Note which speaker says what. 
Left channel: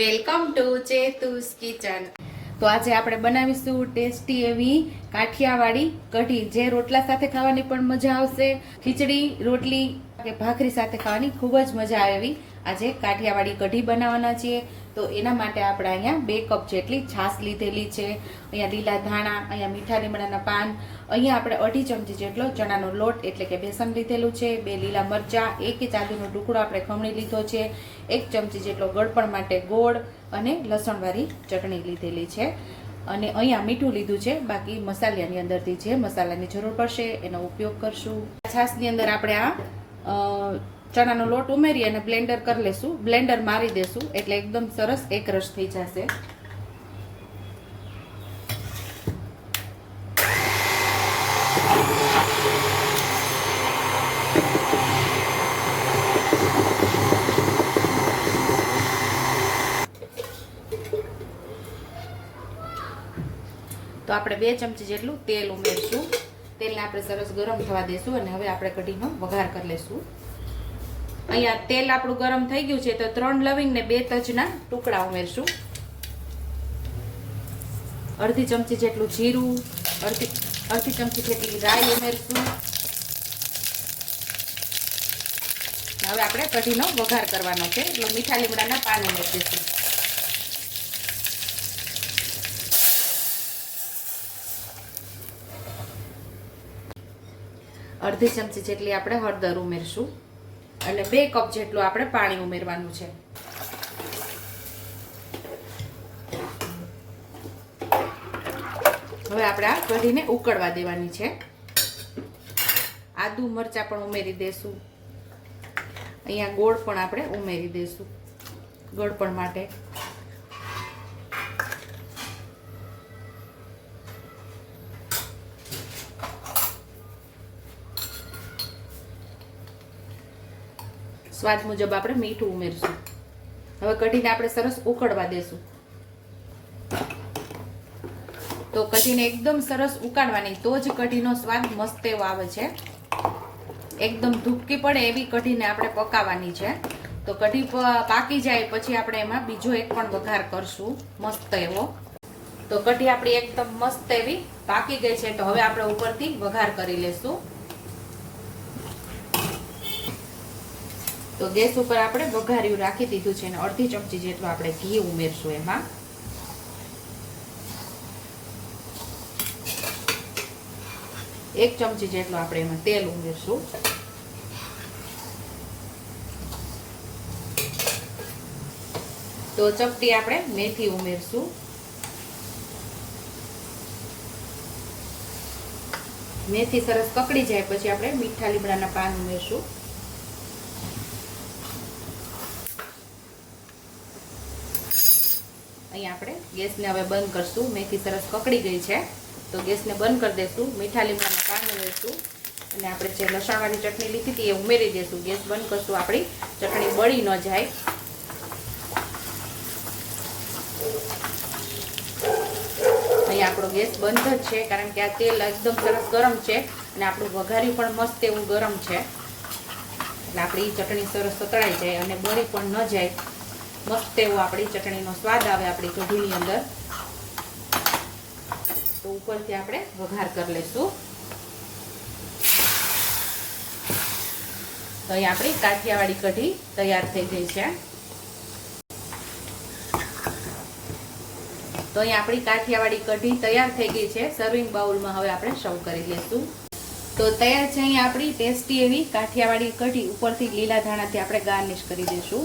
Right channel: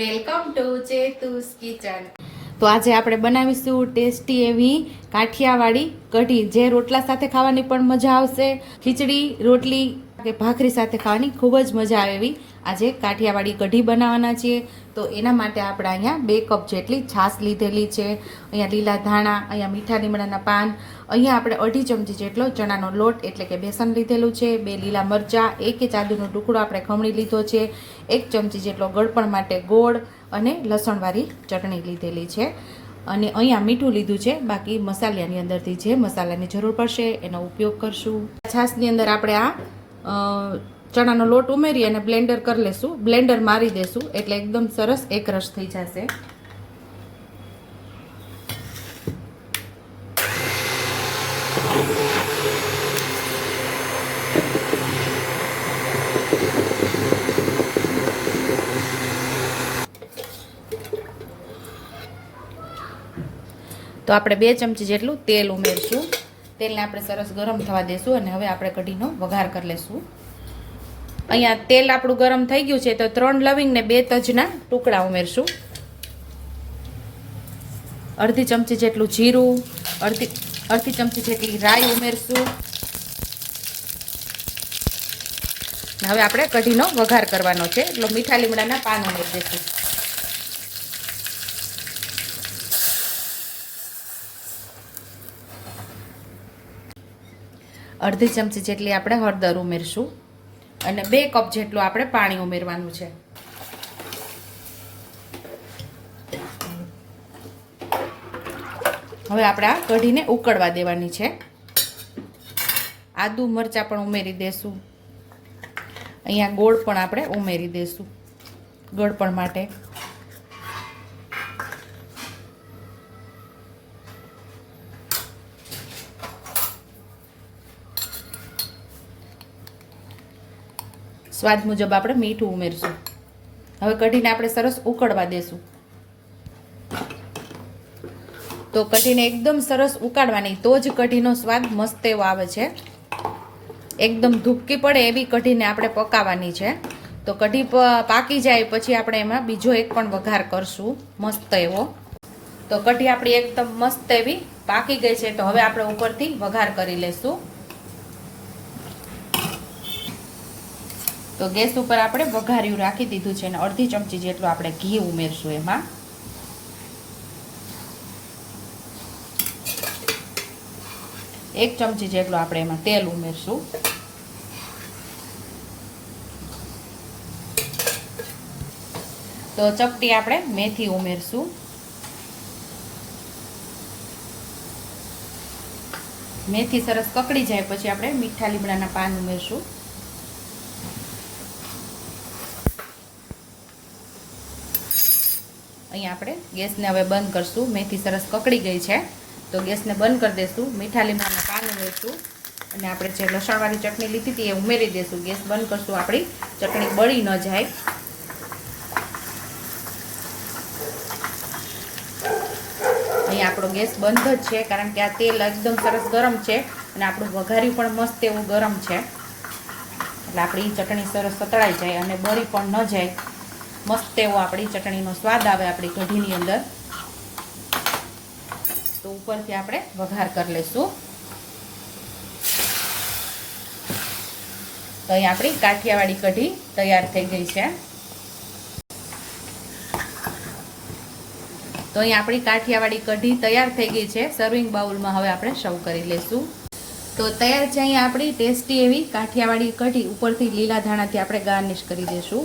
Speaker 1: Welcome to ચેતુસ kitchen. તો આજે આપણે બનાવીશું ટેસ્ટી એવી કાઠિયાવાડી કઢી, જે રોટલા સાથે ખાવાની પણ મજા આવશે. ખીચડી, રોટલી કે ભાખરી સાથે ખાવાની ખૂબ જ મજા આવે એવી આજે કાઠિયાવાડી કઢી બનાવવાના છીએ. તો એના માટે આપણે અહીંયા બે કપ જેટલી છાશ લીધેલી છે. અહીંયા લીલા ધાણા, અહીંયા મીઠા લીમડાના પાન, અહીંયા આપણે અઢી ચમચી જેટલો ચણાનો લોટ એટલે કે બેસન લીધેલું છે, બે લીલા મરચાં, એક ઇંચ આદુનો ટુકડો આપણે ખમણી લીધો છે, એક ચમચી જેટલો ગળપણ માટે ગોળ અને લસણવાળી ચટણી લીધેલી છે. અને અહીંયા મીઠું લીધું છે, બાકી મસાલાની અંદરથી જે મસાલાની જરૂર પડશે એનો ઉપયોગ કરશું. છાશની અંદર આપણે આ ચણાનો લોટ ઉમેરી અને બ્લેન્ડર કરી લેશું. બ્લેન્ડર મારી દેશું. એટલે એકદમ સરસ એક રસ થઈ જશે. તો આપણે બે ચમચી જેટલું તેલ ઉમેરશું. તેલને આપણે સરસ ગરમ થવા દેશું અને હવે આપણે કઢીનો વઘાર કરી લેશું. અહીંયા તેલ આપણું ગરમ થઈ ગયું છે તો ત્રણ લવિંગ ને બે તજના ટુકડા ઉમેરશું. અડધી ચમચી જેટલું જીરું, અડધી અડધી ચમચી જેટલી રાઈ ઉમેરશું. હવે આપણે કઢીનો વઘાર કરવાનો છે, એટલે મીઠા લીમડાના પાન ઉમેરી દઈશું. અડધી ચમચી જેટલી આપણે હળદર ઉમેરશું. અને બે કપ જેટલું આપણે પાણી ઉમેરવાનું છે. હવે આપણે આ કઢીને ઉકળવા દેવાની છે. આદુ મરચાં પણ ઉમેરી દેશું. અહીંયા ગોળ પણ આપણે ઉમેરી દેશું. ગોળ પણ માટે. સ્વાદ મુજબ આપણે મીઠું ઉમેરશું. હવે કઢીને આપણે સરસ ઉકળવા દેશું. તો કઢીને એકદમ સરસ ઉકાળવાની, તો જ કઢીનો સ્વાદ મસ્ત એવો આવે છે. એકદમ ધૂપકી પડે એવી કઢીને આપણે પકાવવાની છે. તો કઢી પાકી જાય પછી આપણે એમાં બીજો એક પણ વઘાર કરશું, મસ્ત એવો. તો કઢી આપણી એકદમ મસ્ત એવી પાકી ગઈ છે. તો હવે આપણે ઉપરથી વઘાર કરી લેશું. તો ગેસ ઉપર આપણે વઘાર્યું રાખી દીધું છે અને અડધી ચમચી જેટલું આપણે ઘી ઉમેરશું એમાં. એક ચમચી જેટલું આપણે એમાં તેલ ઉમેરશું. તો ચપટી આપણે મેથી ઉમેરશું. મેથી સરસ કકડી જાય પછી આપણે મીઠા લીમડાના પાન ઉમેરશું. અહીંયા આપણે ગેસને હવે બંધ કરશું. મેથી સરસ પકડી ગઈ છે. તો ગેસને બંધ કરી દઈશું મીઠા લીમડાનું પાન ઉમેરશું. અને આપણે જે લસણવાળી ચટણી લીધી હતી એ ઉમેરી દઈશું ગેસ બંધ કરશું. આપણી ચટણી બળી ન જાય. અહીં આપણો ગેસ બંધ જ છે, કારણ કે આ તેલ એકદમ સરસ ગરમ છે અને આપણું વઘારી પણ મસ્ત એવું ગરમ છે. એટલે આપણી ચટણી સરસ સતળાઈ જાય અને બળી પણ ન જાય. મસ્ત એવો આપણી ચટણીનો સ્વાદ આવે આપણી કઢીની અંદર. તો ઉપરથી આપણે વઘાર કરી લઈશું. તો અહીં આપણી કાઠિયાવાડી કઢી તૈયાર થઈ ગઈ છે. તો અહીં આપણી કાઠિયાવાડી કઢી તૈયાર થઈ ગઈ છે. સર્વિંગ બાઉલમાં હવે આપણે સર્વ કરી લઈશું. તો તૈયાર છે અહીં આપણી ટેસ્ટી એવી કાઠિયાવાડી કઢી. ઉપરથી લીલા ધાણાથી આપણે ગાર્નિશ કરી દઈશું.